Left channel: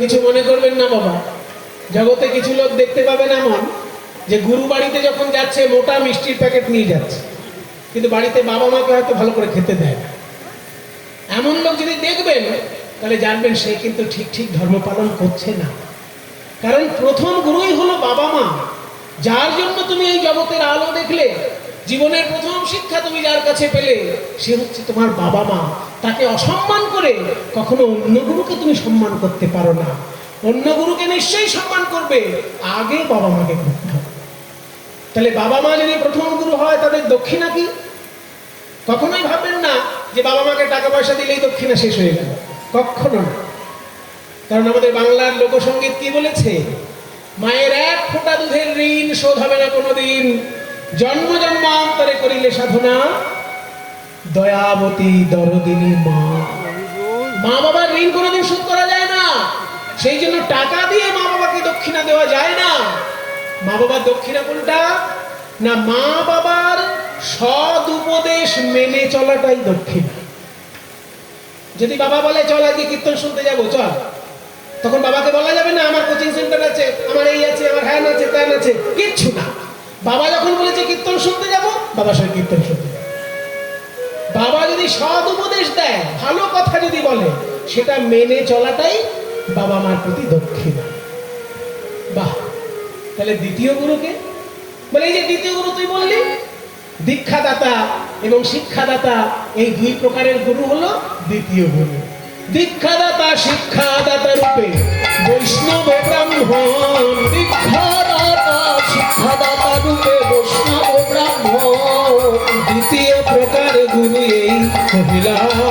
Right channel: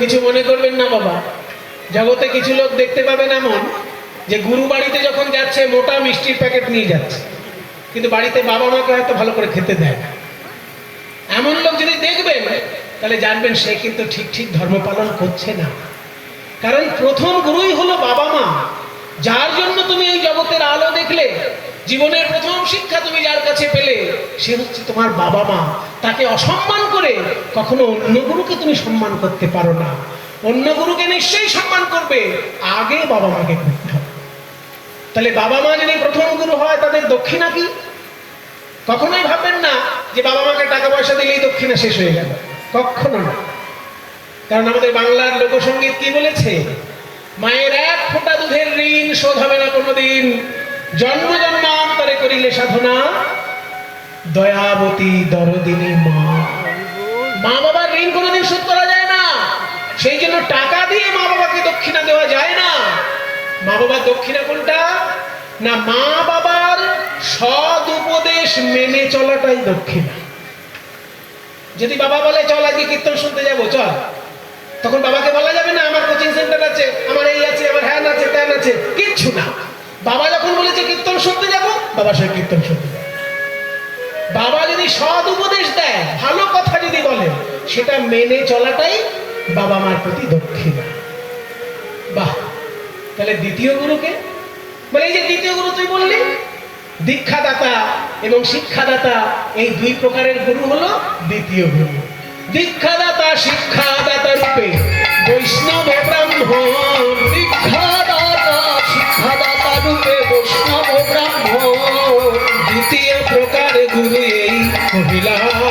কিছু মনে করবেন না, বাবা। জগতে কিছু লোক দেখতে পাবেন এমন যে গুরু বাড়িতে যখন যাচ্ছে, মোটা মিষ্টির প্যাকেট নিয়ে যাচ্ছে। কিন্তু বাড়িতে বাবা মাকে হয়তো ভালো করে খেতে দেয় না। এমন লোক যদি দেখবেন, তাহলে জানবেন সে কিন্তু ঠিক ঠিক ধর্ম পালন করছে না। কারণ প্রথম গুরুই হলো বাবা মা। যার জন্য তুমি এই জগতের আলো দেখলে জীবনের প্রথম শিক্ষা তুমি যার কাছে পেলে, সে হচ্ছে তোমার বাবা মা। তাকে অসম্মান করে কখনো অন্য গুরুকে তুমি সম্মান করতে পারো না। অন্য গুরুকে নিশ্চয়ই সম্মান করবে, আগে বাবা মাকে করতে হবে। তাহলে বাবা মা যদি প্রথম গুরু হয়, তাদের দক্ষিণা কি? কখনোই ভাববেন না যে বাবা মাকে টাকা পয়সা দিলেই দক্ষিণা শেষ হয়ে গেল কখনো না। কারণ আমাদের বাংলার লোকসঙ্গীত কি বলেছে? মায়ের এক ফোঁটা দুধের ঋণ শোধ হবে না কোনোদিন। জন্ম জন্মান্তরে করিলে সাধনা, দয়াবতী দরদিনী মা। মা বাবার ঋণ কোনোদিন শোধ করা যায় না। সেই জন্য টাকা দিয়ে মা বাবাকে দক্ষিণা দেওয়া যায় না। মা বাবার দক্ষিণা কোনটা? না, মা বাবার সদ উপদেশ মেনে চলাটাই দক্ষিণা। যদি বাবা বলে, চল আজকে কীর্তন শুনতে যাব, চল। তখন বাবাকে বলা যাবে না, আমার কোচিং সেন্টার আছে, আমার এই আছে, আমার হ্যান আছে, ত্যান আছে। কিচ্ছু না। বাবা যখন বলেছে কীর্তন শুনতে যাব, বাবা সে কীর্তন শুনতে যাবে বাবা যদি সৎ উপদেশ দেয়, ভালো কথা যদি বলে, সেটা মেনে চলাটাই বাবা মার প্রতি দক্ষিণা। বাহ, তাহলে দ্বিতীয় গুরুকে? বলে এই যে দ্বিতীয় গুরু তুই বললি, দীক্ষাদাতা এবং শিক্ষাদাতা, এই দুই প্রকারের গুরু হলো দ্বিতীয় গুরু। দীক্ষাদাতা, শিক্ষাদাতা রূপে বৈষ্ণব ব্রাহ্মণ। বৈষ্ণব ব্রাহ্ম দ্বিতীয় প্রকার গুরু এই মহিলা।